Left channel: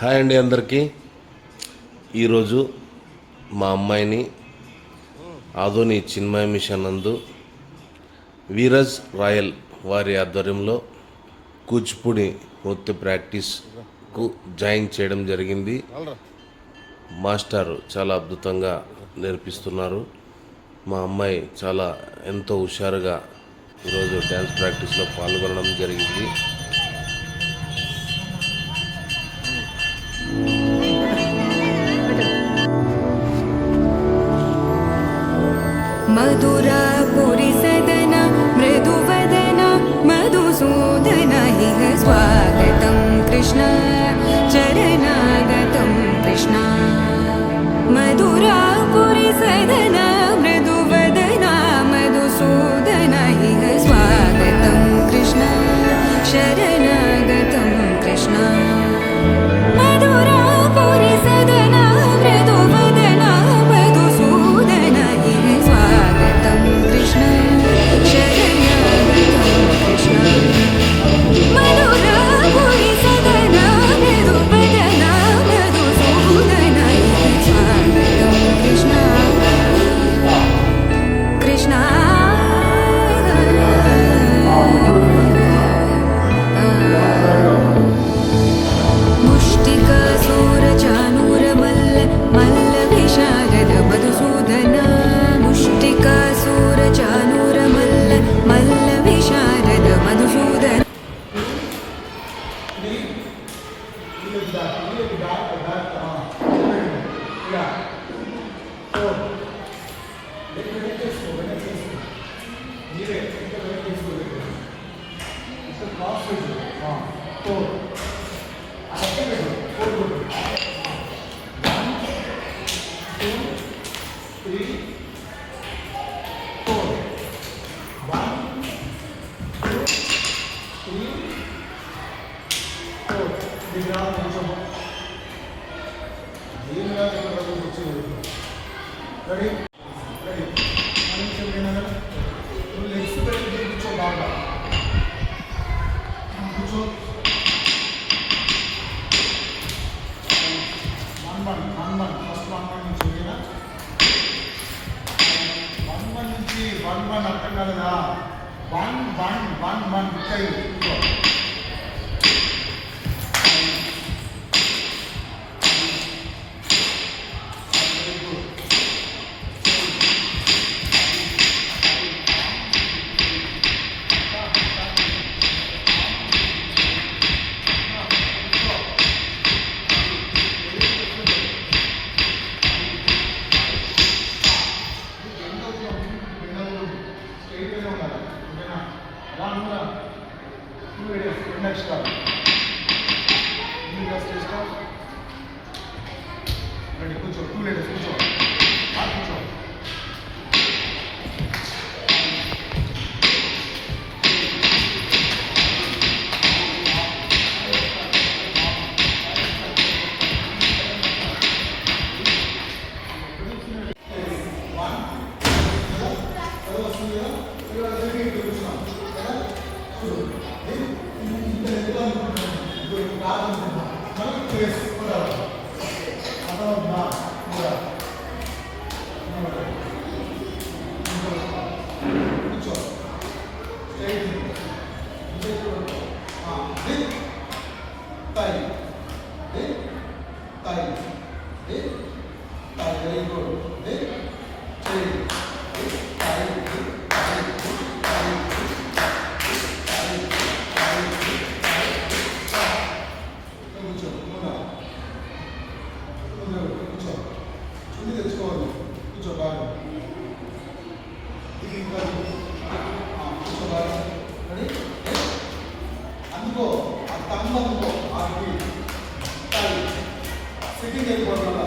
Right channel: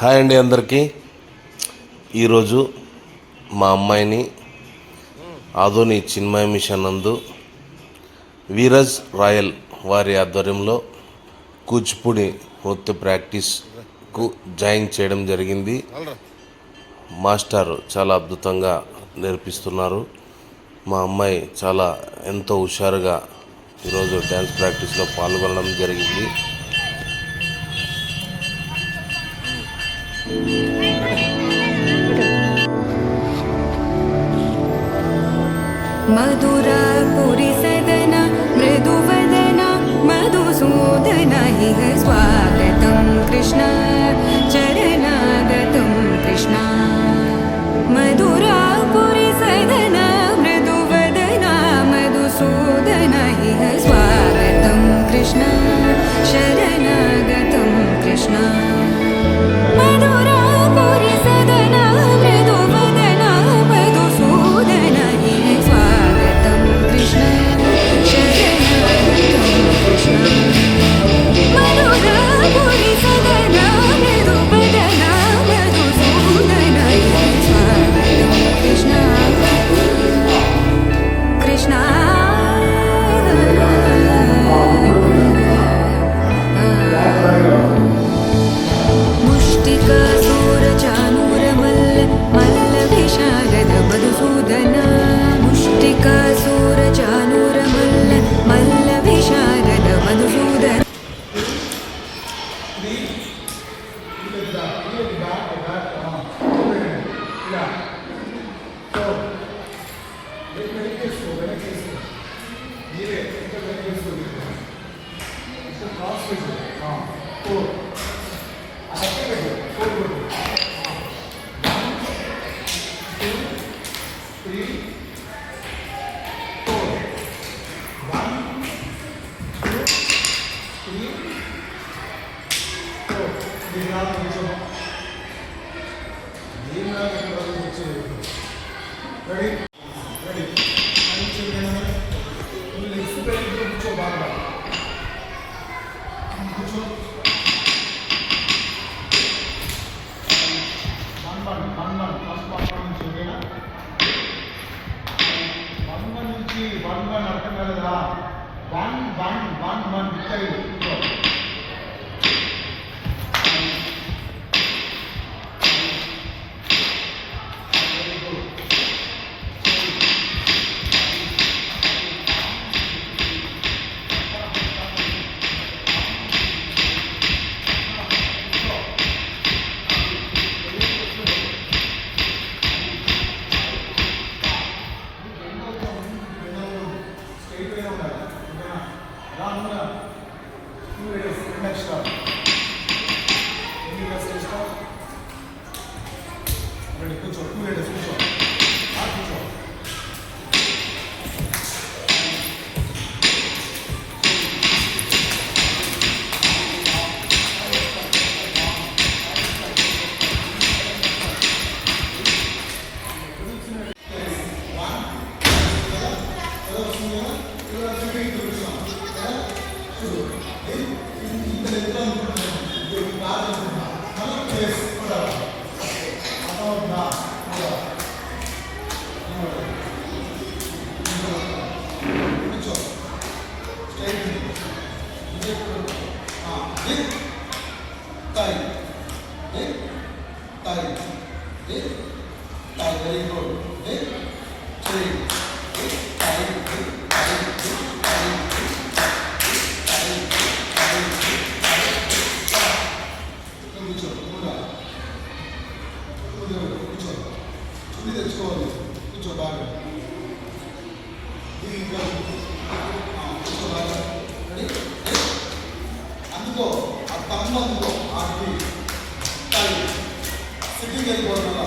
హాయ్ అండి అందరికీ. ఈరోజు మా అమ్మాయిని ఆదోని చిన్మయ మిషన్ నందు వీరజ్ రాయల్ వారి ఆధ్వర్యంలో కూచిపూడి నృత్య ప్రాక్టీస్కు జాయిన్ చేయడం జరిగింది. మాస్టర్ చాలా అద్భుతంగా నేర్పిస్తున్నారు. మా అమ్మాయి చాలా ఎంతో హుషారుగా ఈరోజు డ్యాన్స్ ప్రాక్టీస్లో పాల్గొనడం జరిగింది. मधुरापुरी सदना मृदुवदना मधुसूदन इह स्वागतं कृष्ण चरणागतं कृष्ण. मधुरापुरी सदना मृदुवदना मधुसूदन इह स्वागतं कृष्ण शरणागतं कृष्ण. मधुरापुरी सदना मृदुवदना मधुसूदन इह स्वागतं कृष्ण शरणागतं कृष्ण. मधुरापुरी सदना मृदुवदना मधुसूदन इह स्वागतं कृष्ण कृष्ण. मधुसूदन मुष्टिकासुरचानूरमल्ल मल्ल विशारद मधुसूदन. అందుకో ఆ తమ్మ అందుకో ఆ సిట్టింగ్ అయిపోవడం వల్ల